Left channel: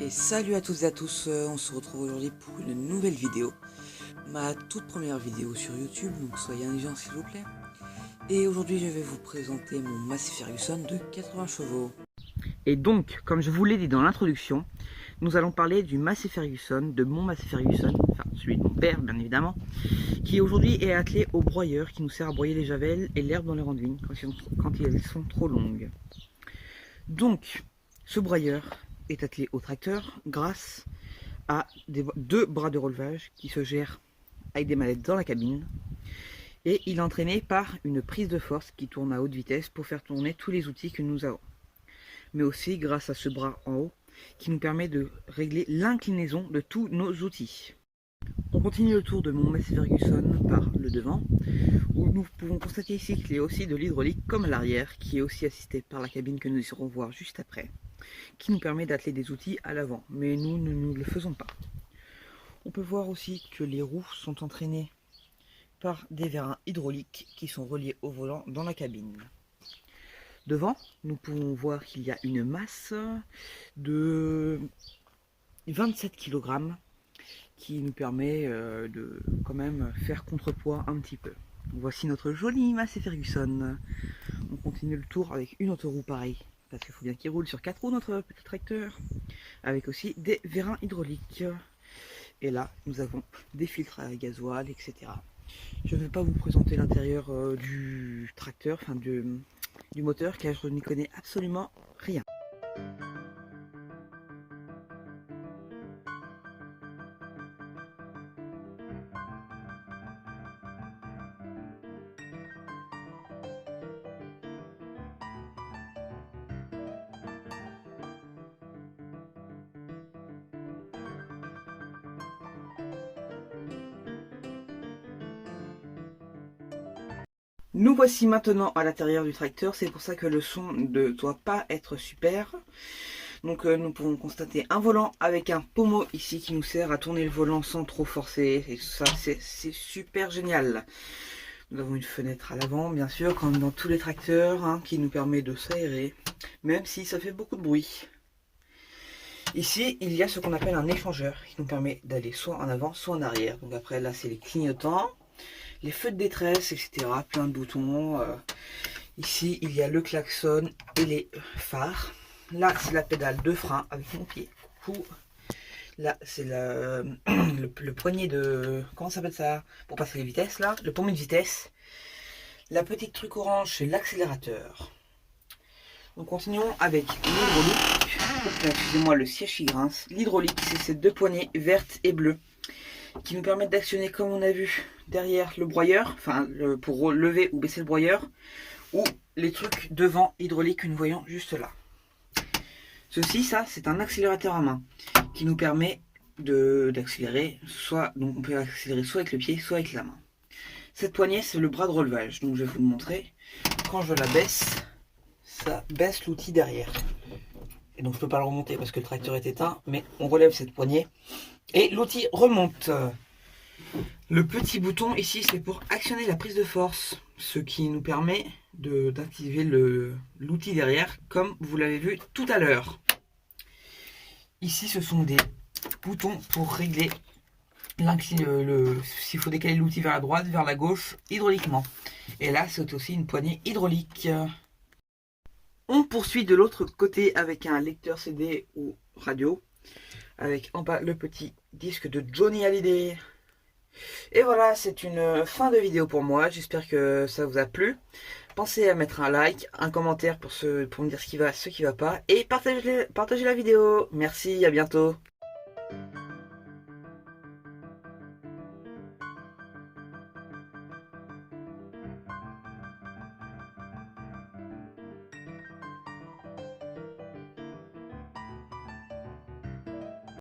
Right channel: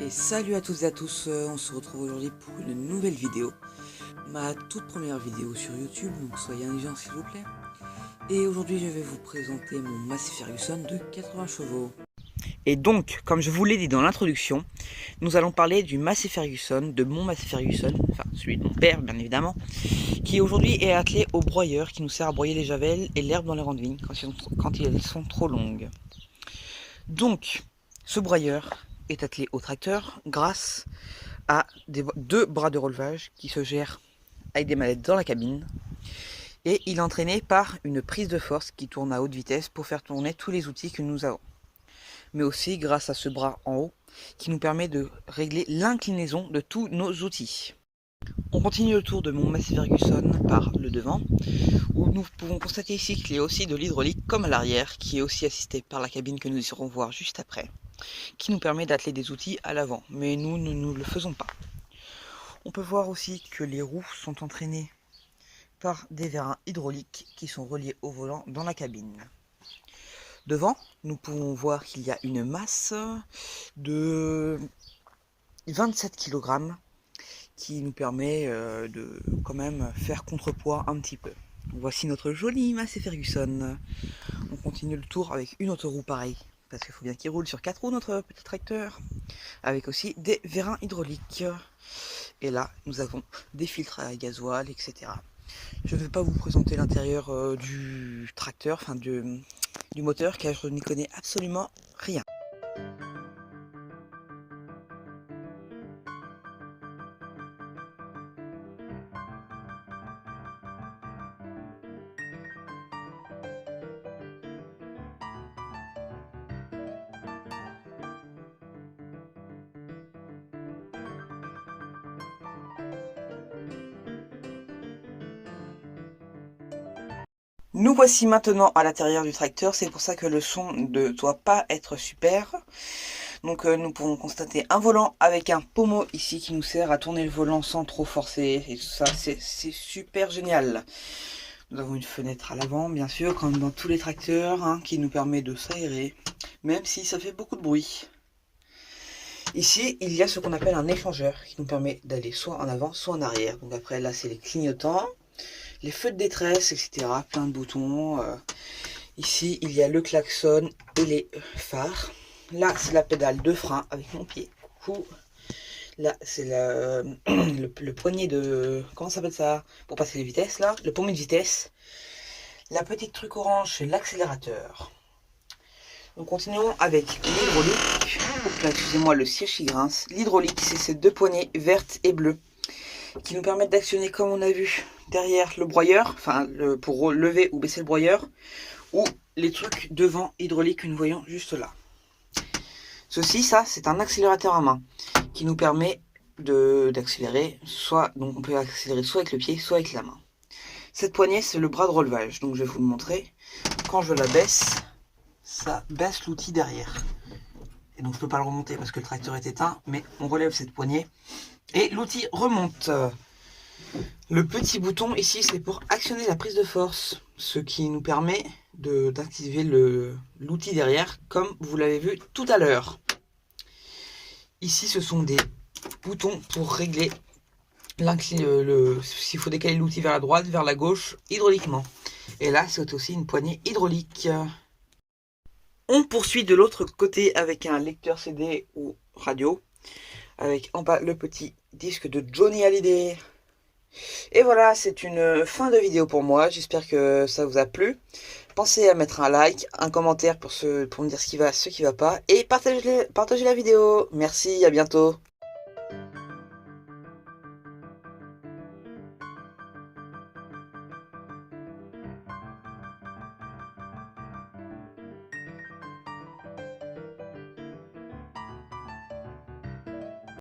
Et salut à toutes et à tous, on se retrouve aujourd'hui pour une nouvelle vidéo. Ma toute première vidéo sur YouTube, donc soyez indulgents s'il vous plaît. Et aujourd'hui je vais vous présenter mon Massey Ferguson de 80 chevaux. Et donc, comme je vous l'ai dit dans l'introduction, nous allons parler du Massey Ferguson, de mon Massey Ferguson, enfin celui de mon père bien évidemment, qui aujourd'hui est attelé au broyeur qui nous sert à broyer les javelles et l'herbe dans les rangs de vigne quand elles sont trop longues. Donc, ce broyeur est attelé au tracteur grâce à deux bras de relevage qui se gèrent avec des manettes dans la cabine, et il est entraîné par une prise de force qui tourne à haute vitesse pour faire tourner tous les outils que nous avons, mais aussi grâce à ce bras en haut qui nous permet de régler l'inclinaison de tous nos outils. On continue le tour de mon Massey Ferguson par le devant, où nous pouvons constater ici qu'il y a aussi de l'hydraulique comme à l'arrière, qui est aussi assisté par la cabine que nous irons voir juste après, qui nous permet d'atteler des outils à l'avant, mais nous ne le faisons pas. On peut voir aussi que les roues sont entraînées par des vérins hydrauliques qui sont reliés au volant dans la cabine. Devant, nous pouvons voir qu'il y a une masse de 27 kg qui nous permet de quand même faire contrepoids un petit peu. Voici notre joli Massey Ferguson. On continue le tour avec une autre roue pareille, parce qu'il faut bien qu'il roule sur 4 roues notre petit tracteur, avec aussi des vérins hydrauliques. Et là, nous avons des filtres à gasoil, etc. Je ne vais pas vous présenter l'intérieur du tracteur, enfin du moteur, car je n'y connais absolument rien. Nous voici maintenant à l'intérieur du tracteur, c'est pour ça que le son ne doit pas être super. Donc nous pouvons constater un volant avec un pommeau ici qui nous sert à tourner le volant sans trop forcer, et tout ça c'est super génial. Nous avons une fenêtre à l'avant bien sûr, comme dans tous les tracteurs, hein, qui nous permet de s'aérer, même si ça fait beaucoup de bruit. Ici il y a ce qu'on appelle un échangeur qui nous permet d'aller soit en avant soit en arrière. Donc après là c'est les clignotants, les feux de détresse, etc. Plein de boutons. Ici, il y a le klaxon et les phares. Là, c'est la pédale de frein avec mon pied. Là, c'est le poignet de... Comment ça s'appelle ça? Pour passer les vitesses, là. Le pommier de vitesse. La petite truc orange, c'est l'accélérateur. Donc, continuons avec l'hydraulique. Excusez-moi, le siège qui grince. L'hydraulique, c'est ces deux poignées vertes et bleues qui nous permettent d'actionner, comme on a vu derrière le broyeur, enfin pour lever ou baisser le broyeur, ou les trucs devant hydraulique que nous voyons juste là. Ceci, ça, c'est un accélérateur à main qui nous permet d'accélérer, donc on peut accélérer soit avec le pied, soit avec la main. Cette poignée, c'est le bras de relevage, donc je vais vous le montrer. Quand je la baisse, ça baisse l'outil derrière. Et donc je ne peux pas le remonter parce que le tracteur est éteint, mais on relève cette poignée et l'outil remonte. Le petit bouton ici, c'est pour actionner la prise de force, ce qui nous permet d'activer l'outil derrière, comme vous l'avez vu tout à l'heure. Ici, ce sont des boutons pour régler s'il faut décaler l'outil vers la droite, vers la gauche, hydrauliquement. Et là, c'est aussi une poignée hydraulique. On poursuit de l'autre côté avec un lecteur CD ou radio, avec en bas le petit disque de Johnny Hallyday. Et voilà, c'est une fin de vidéo pour moi, j'espère que ça vous a plu. Pensez à mettre un like, un commentaire pour me dire ce qui va pas, et partagez la vidéo. Merci, à bientôt.